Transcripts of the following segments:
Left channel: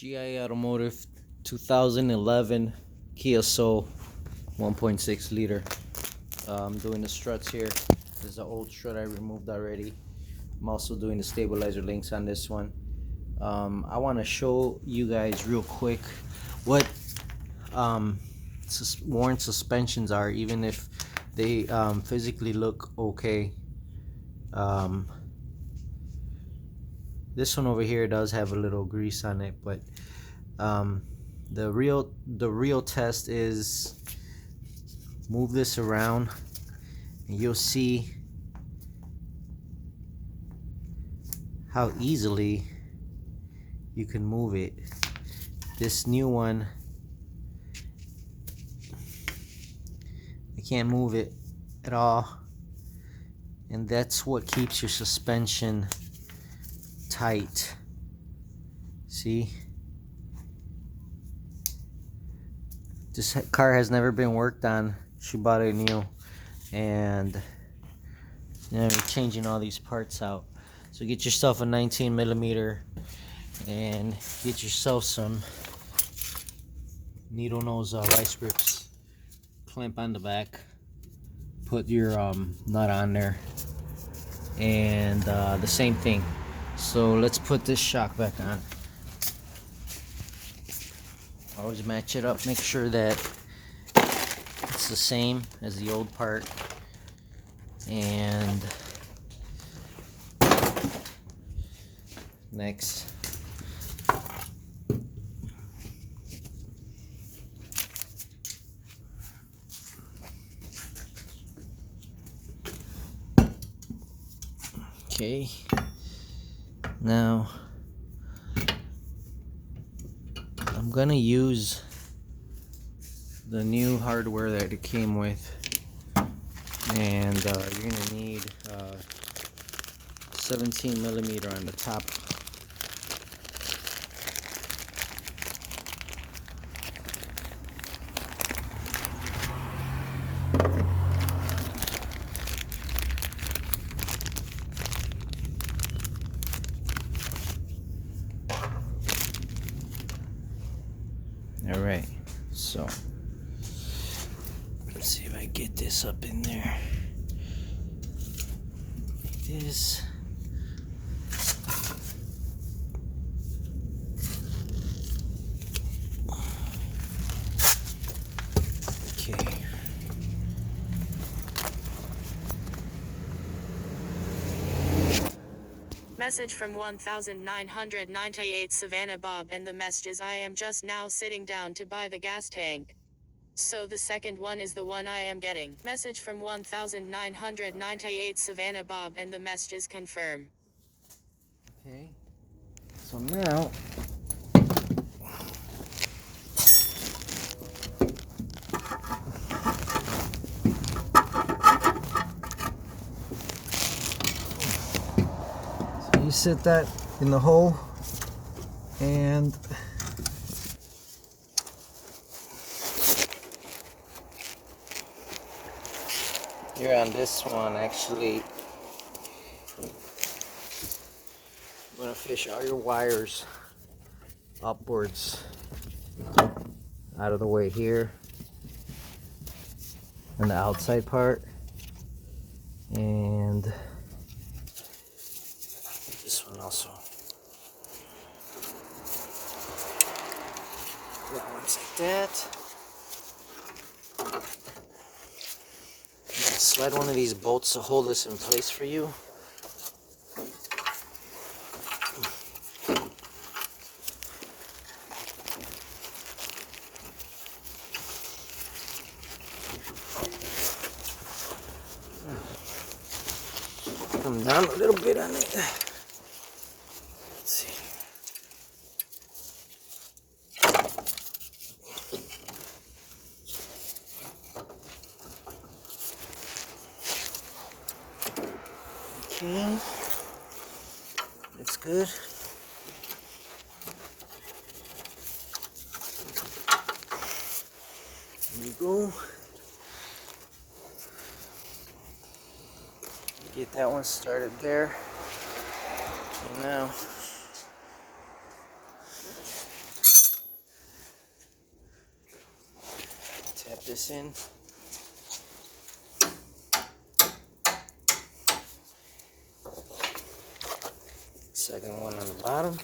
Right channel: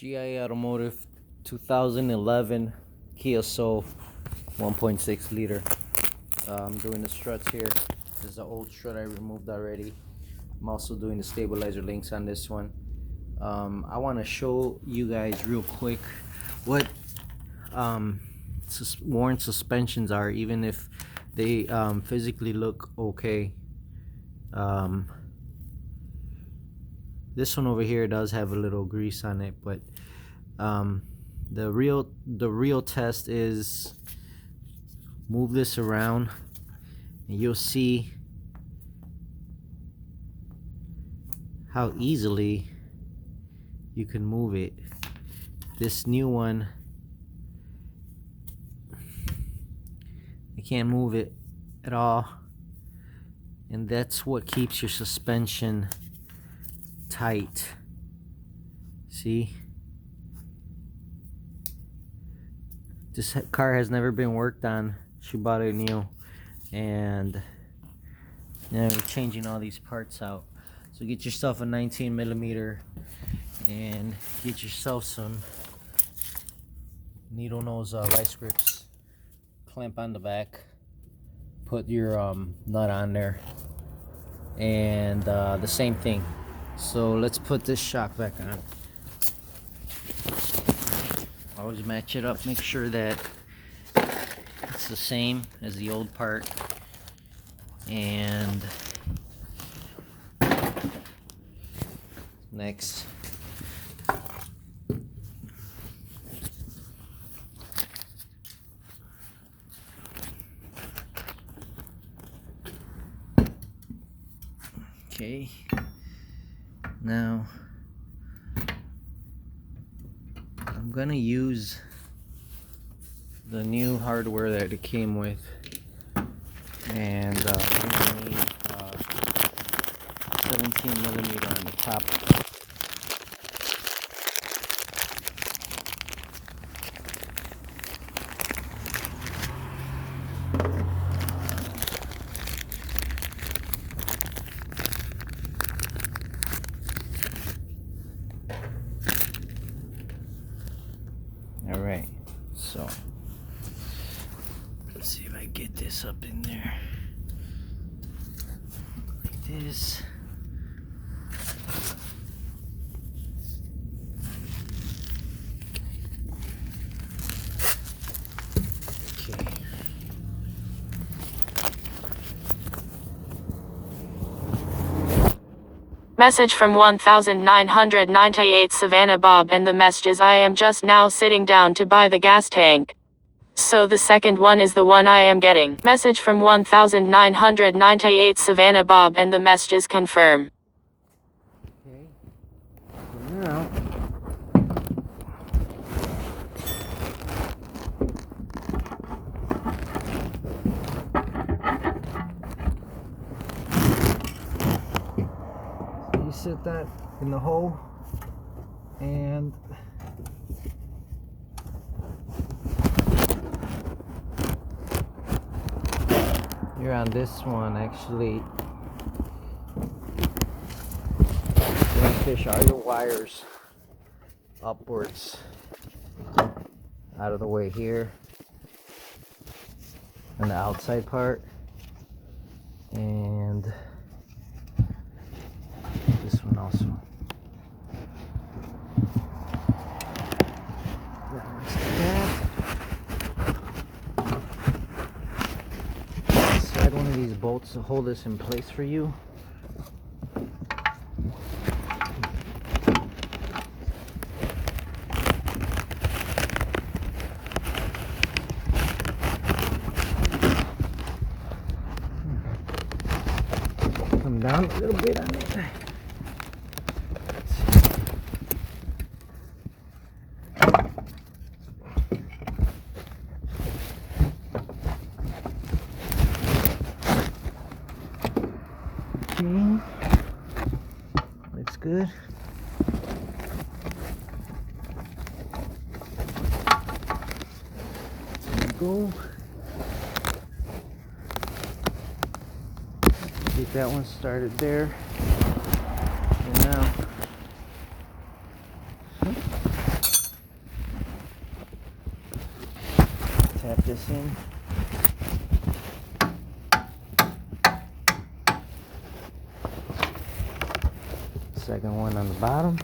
G.I.A Automotive 2011 Kia Soul 1.6 liter. I'm doing the struts here. This is an old strut I removed already. I'm also doing the stabilizer links on this one. I want to show you guys real quick what worn suspensions are, even if they physically look okay. This one over here does have a little grease on it, but the real test is move this around and you'll see how easily you can move it. This new one, I can't move it at all, and that's what keeps your suspension tight. See, this car has never been worked on. She bought it new, and we're changing all these parts out. So get yourself a 19mm and get yourself some needle nose vice grips. Clamp on the back, put your nut on there, and the same thing. So let's put this shock back on. Always match it up, make sure that it's the same as the old part. And next, okay, now I'm gonna use the new hardware that it came with, and you're gonna need 17mm on the top. All right, so let's see if I get this up in there. Like this. Okay. Message from 1998 Savannah Bob, and the message is, I am just now sitting down to buy the gas tank. So the second one is the one I am getting. Message from 1998 Savannah Bob, and the message is confirm. Okay. So now you set that in the hole, and here on this one, actually, you're gonna fish all your wires upwards out of the way here on the outside part, and this one also. Once that, slide one of these bolts to hold this in place for you. Come down a little bit on it. Let's see. Okay, that's good. There we go. Get that one started there. Okay, now tap this in. Second one on the bottom.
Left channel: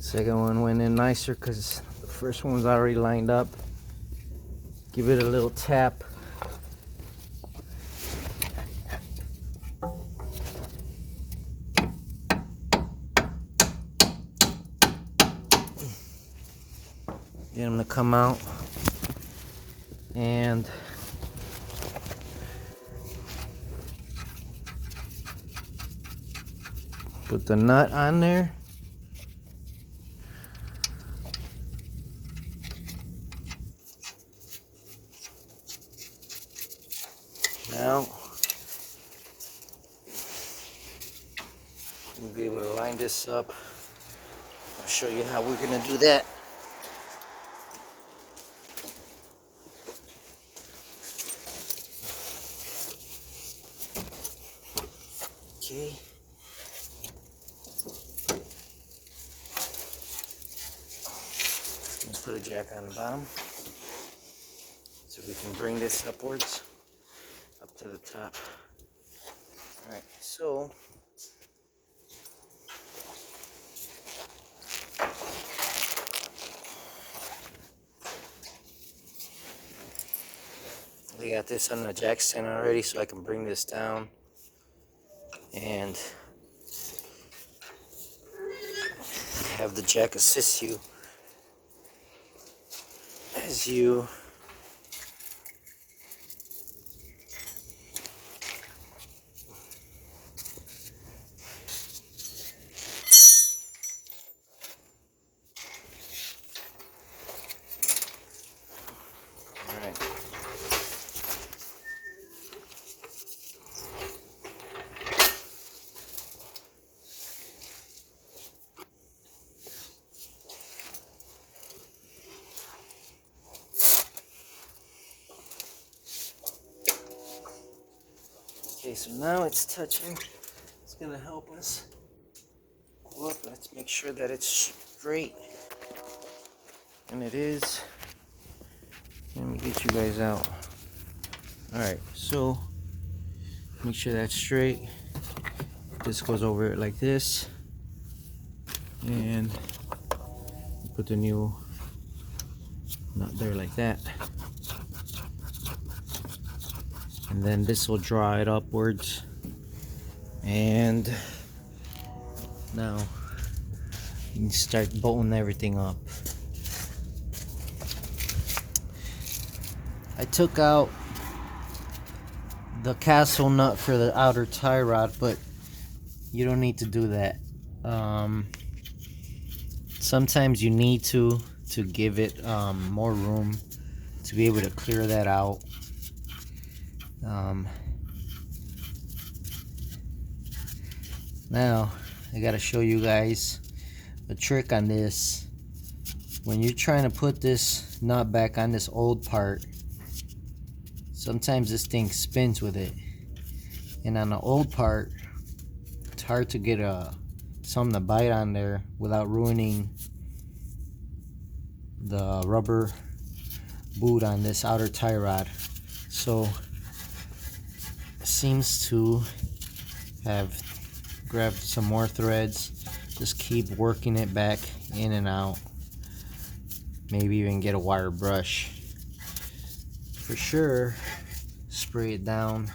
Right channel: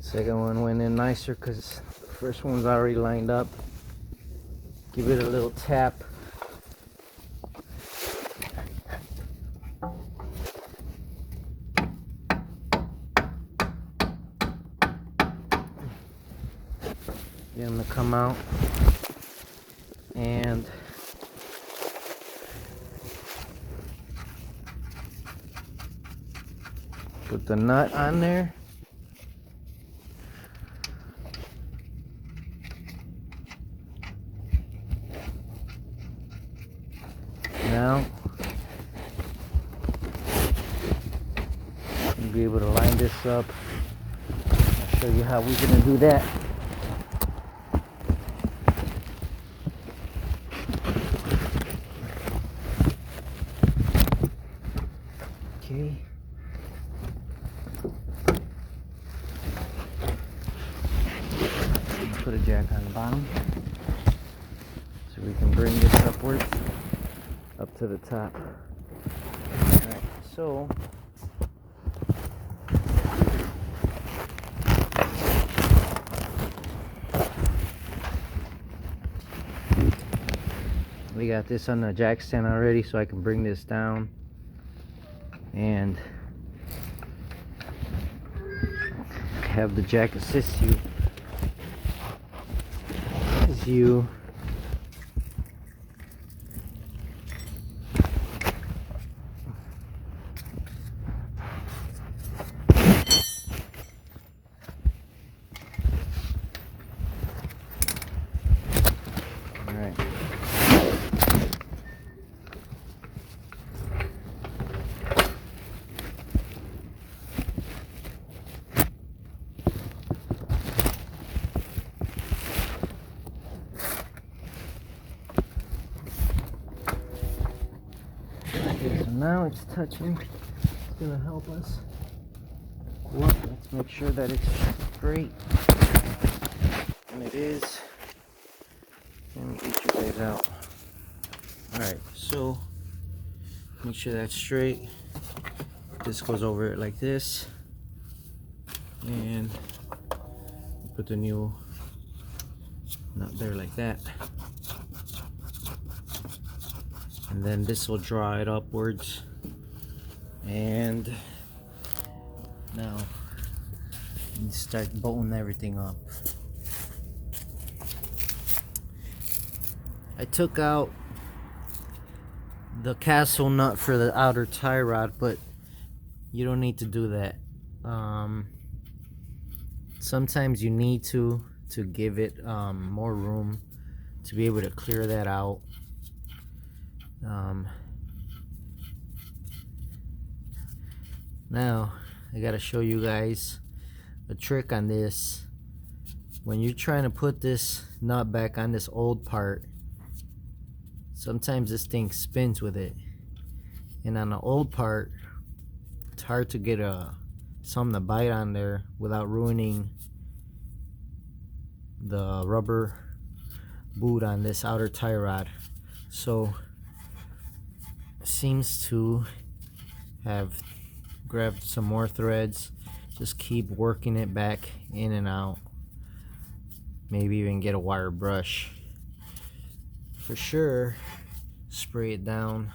Second one went in nicer because the first one's already lined up. Give it a little tap. Get them to come out. And put the nut on there. Now you'll be able to line this up. I'll show you how we're gonna do that. Okay. Put a jack on the bottom so we can bring this upwards up to the top. Alright, so we got this on the jack stand already, so I can bring this down and have the jack assist you as you okay, so now it's touching. It's gonna help us. Look, let's make sure that it's straight. And it is. Let me get you guys out. Alright, so make sure that's straight. This goes over it like this. And put the new nut there like that. And then this will draw it upwards. And now you can start bolting everything up. I took out the castle nut for the outer tie rod, but you don't need to do that. Sometimes you need to give it more room to be able to clear that out. Now I gotta show you guys a trick on this. When you're trying to put this nut back on this old part, sometimes this thing spins with it, and on the old part it's hard to get something to bite on there without ruining the rubber boot on this outer tie rod. So it seems to have grabbed some more threads. Just keep working it back in and out. Maybe even get a wire brush. For sure, spray it down,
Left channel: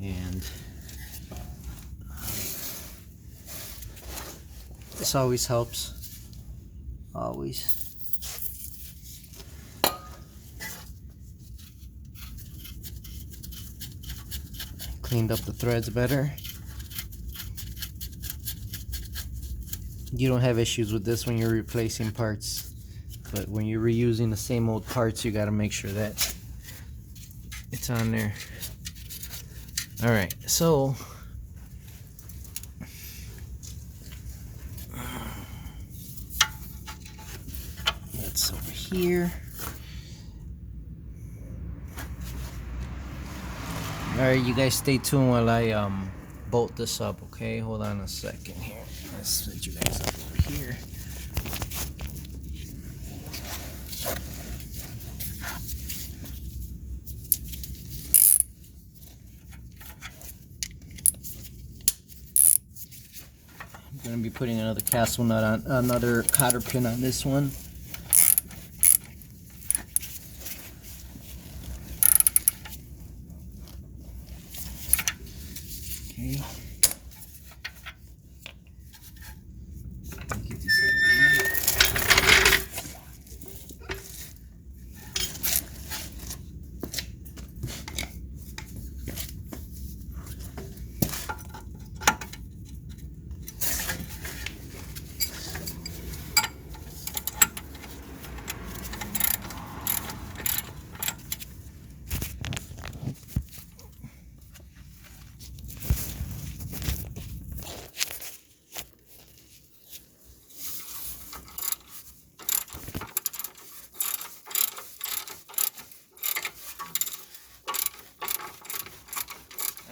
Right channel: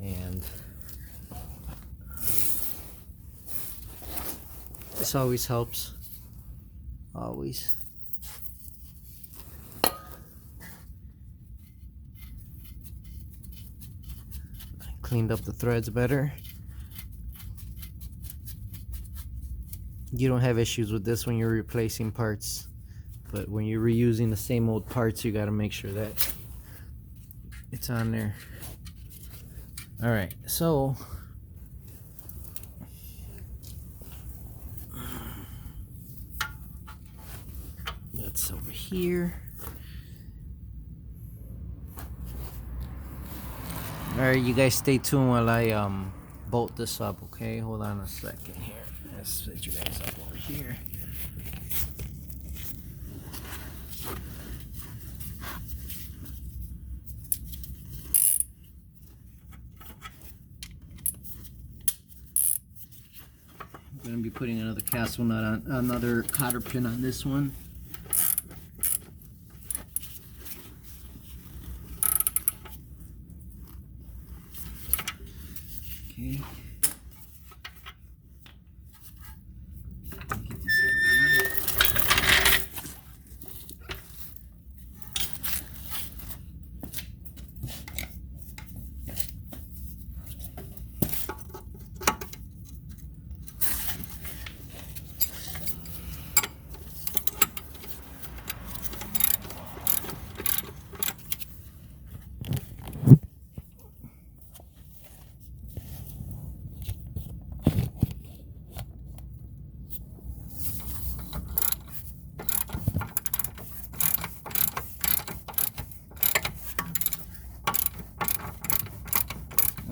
and this always helps. Always. Cleaned up the threads better. You don't have issues with this when you're replacing parts, but when you're reusing the same old parts, you got to make sure that it's on there. All right, so that's over here. Alright, you guys stay tuned while I bolt this up, okay? Hold on a second here. Let's set you guys up over here. I'm gonna be putting another castle nut on, another cotter pin on this one. Okay. Get this out of the way.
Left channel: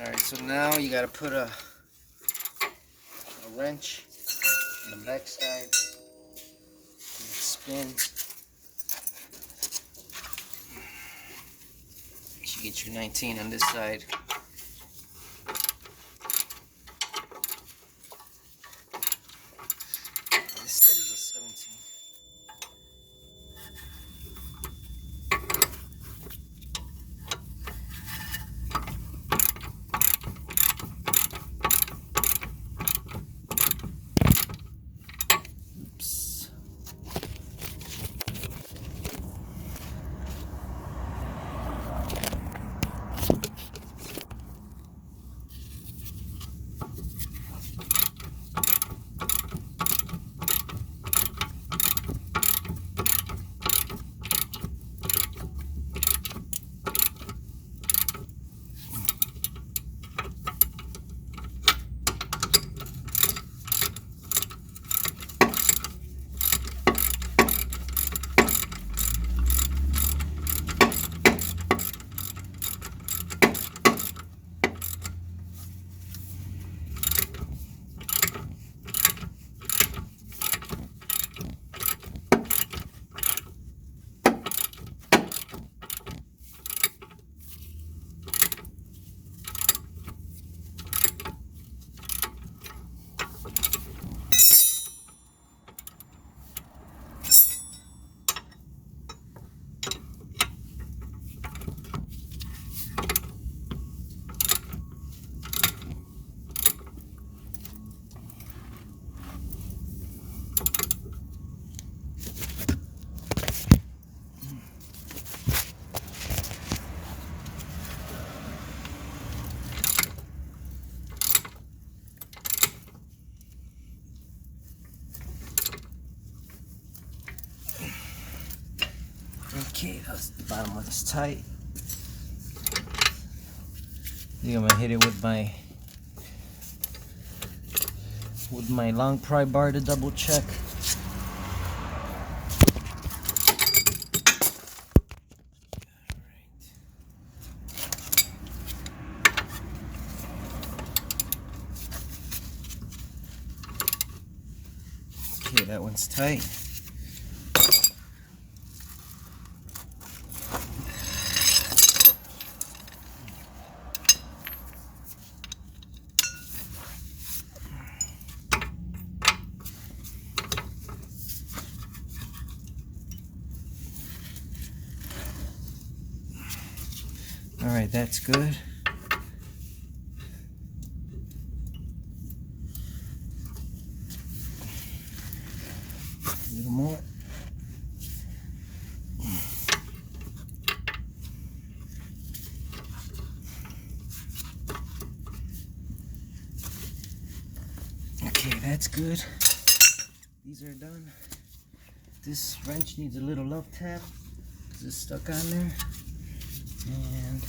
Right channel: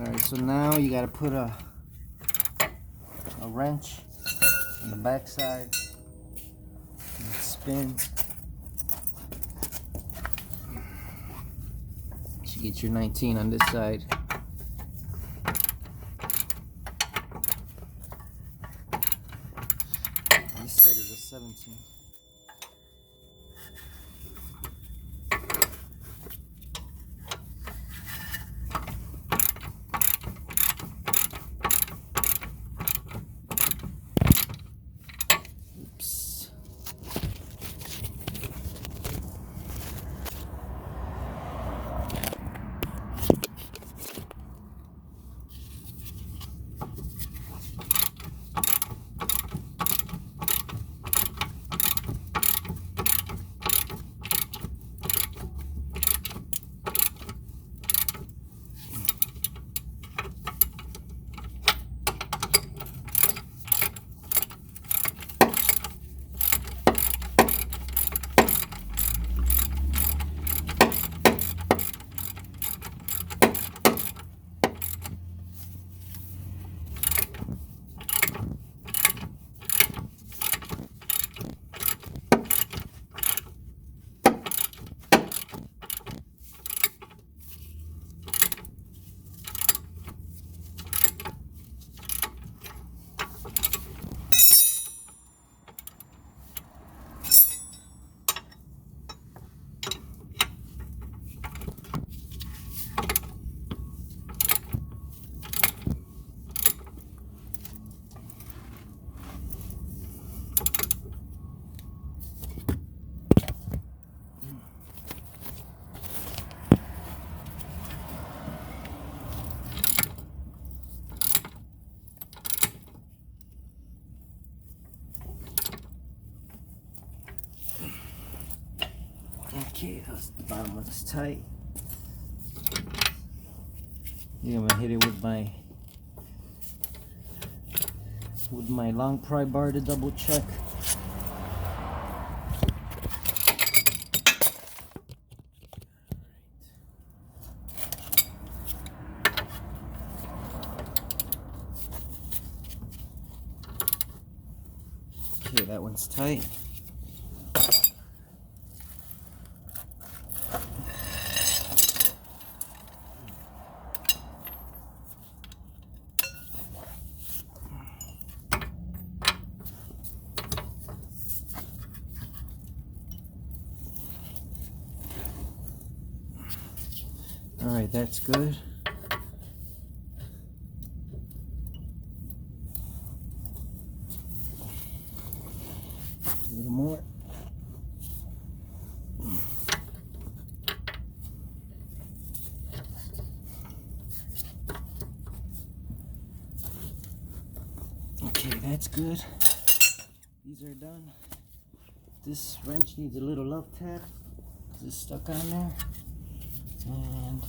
Alright, so now you gotta put a wrench on the back side. Spin. You get your 19 on this side. This side is a 17. Oops. Okay, that's the bottom of this tight. I think I'm gonna hit it with my long pry bar to double check. Okay, that one's tight. Alright, that's good. A little more. Okay, that's good. These are done. This wrench needs a little love tap. It's stuck on there. And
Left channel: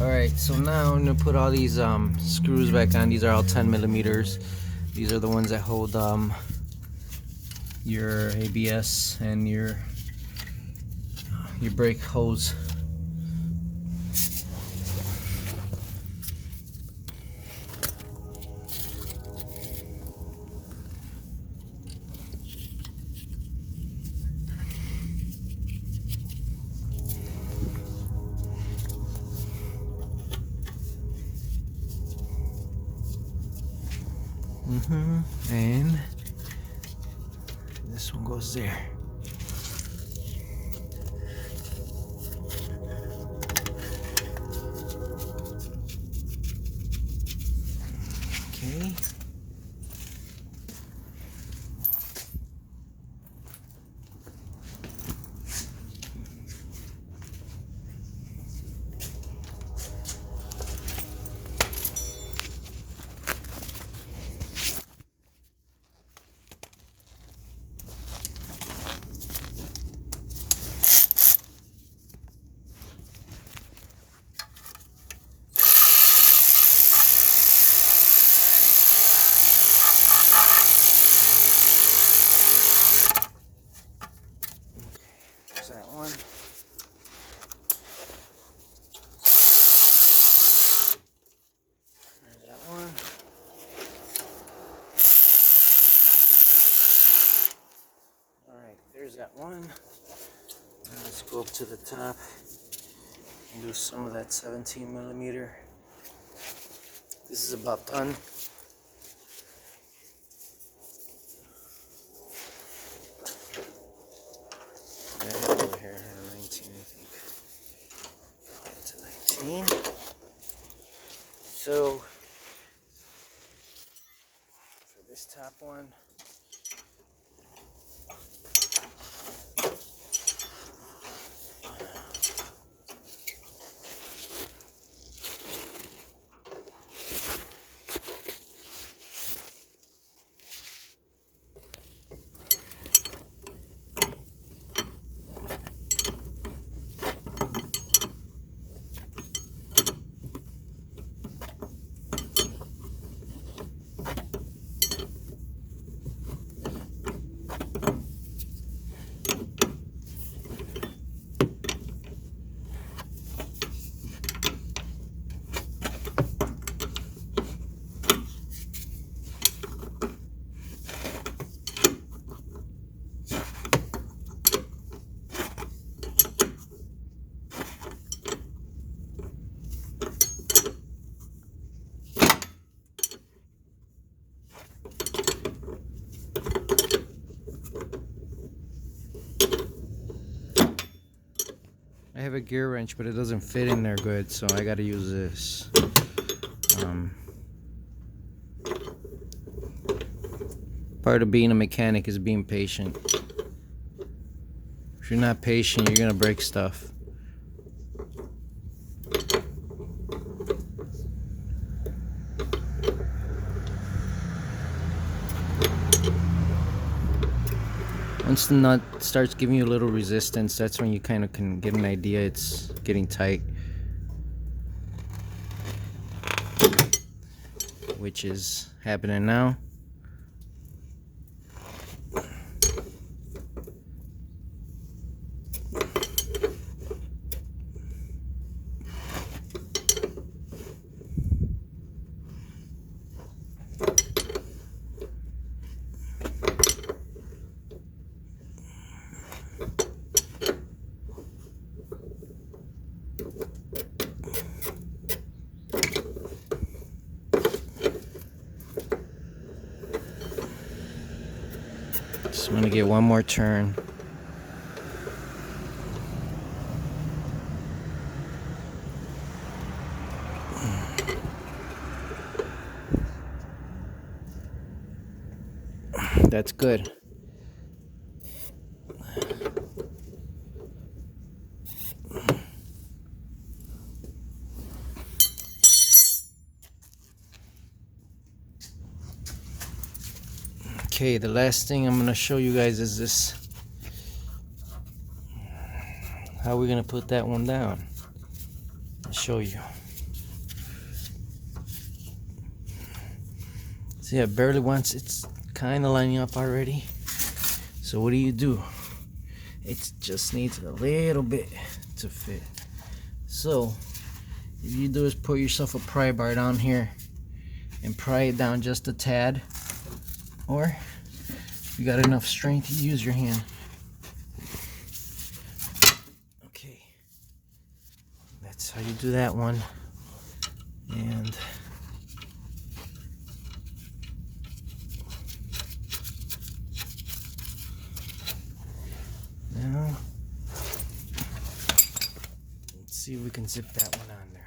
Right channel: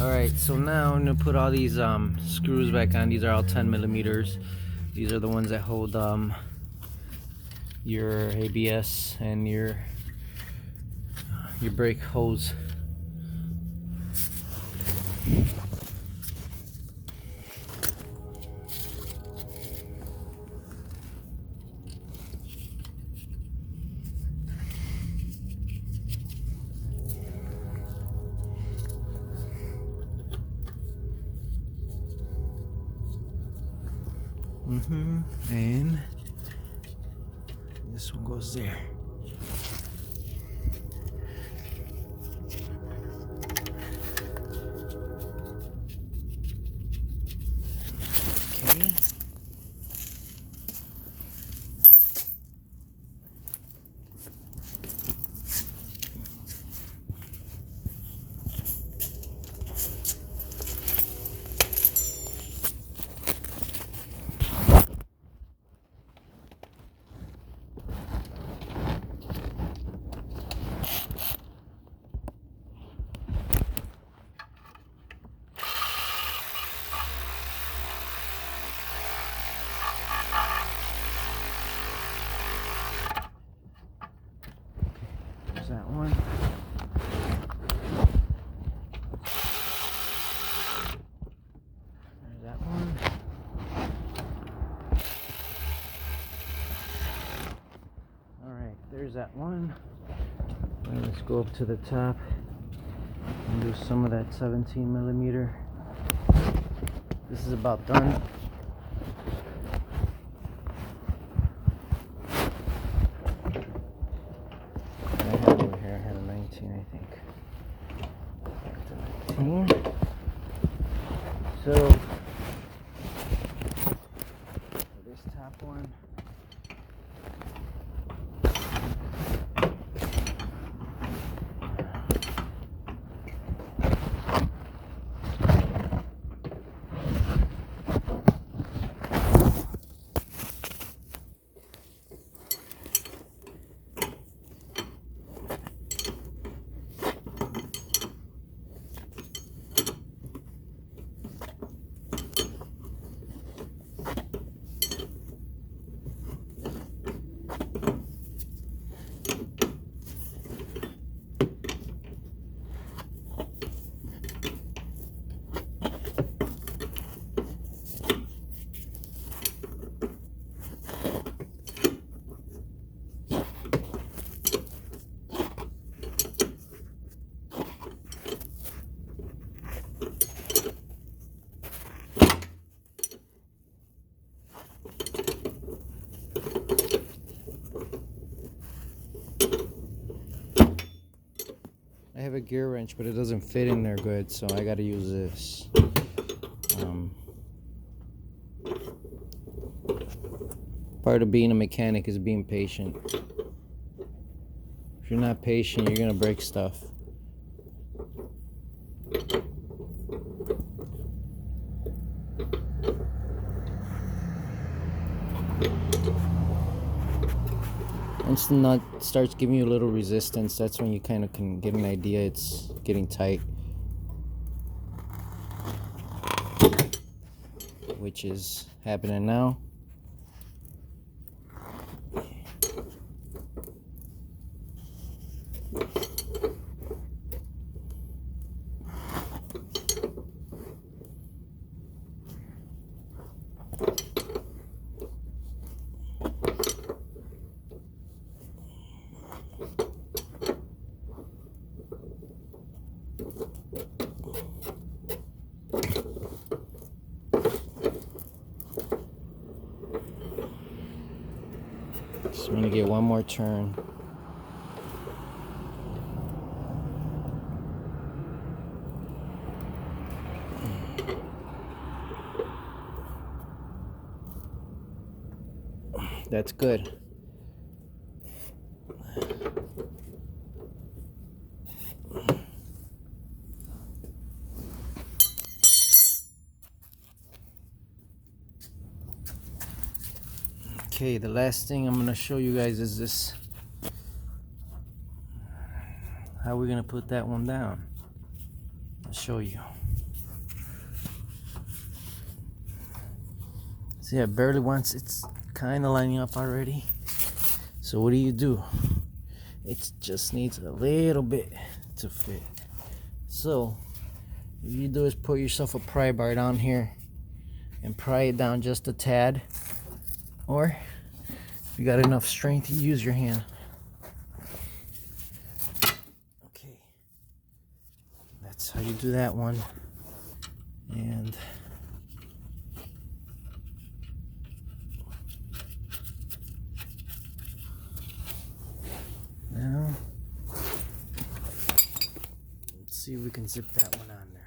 Alright, so now I'm gonna put all these screws back on. These are all 10 millimeters. These are the ones that hold your ABS and your brake hose. And this one goes there. Okay. There's that one. There's that one. Alright, there's that one. And let's go up to the top and do some of that 17 millimeter. This is about done. I have over here, I had a 19, I think. That's a 19. So, for this top one, I have a gear wrench, but it doesn't fit in there good, so I gotta use this. Part of being a mechanic is being patient. If you're not patient, you're gonna break stuff. Once the nut starts giving you a little resistance, that's when you kind of can get an idea it's getting tight, which is happening now. Just want to get one more turn. That's good. Okay, the last thing I'm gonna show you guys is this. How we're gonna put that one down. I'll show you. See, I barely wants, it's kind of lining up already. So what do? It just needs a little bit to fit. So if you do is put yourself a pry bar down here and pry it down just a tad, or if you got enough strength, you use your hand. Okay, that's how you do that one. And now let's see if we can zip that one on there.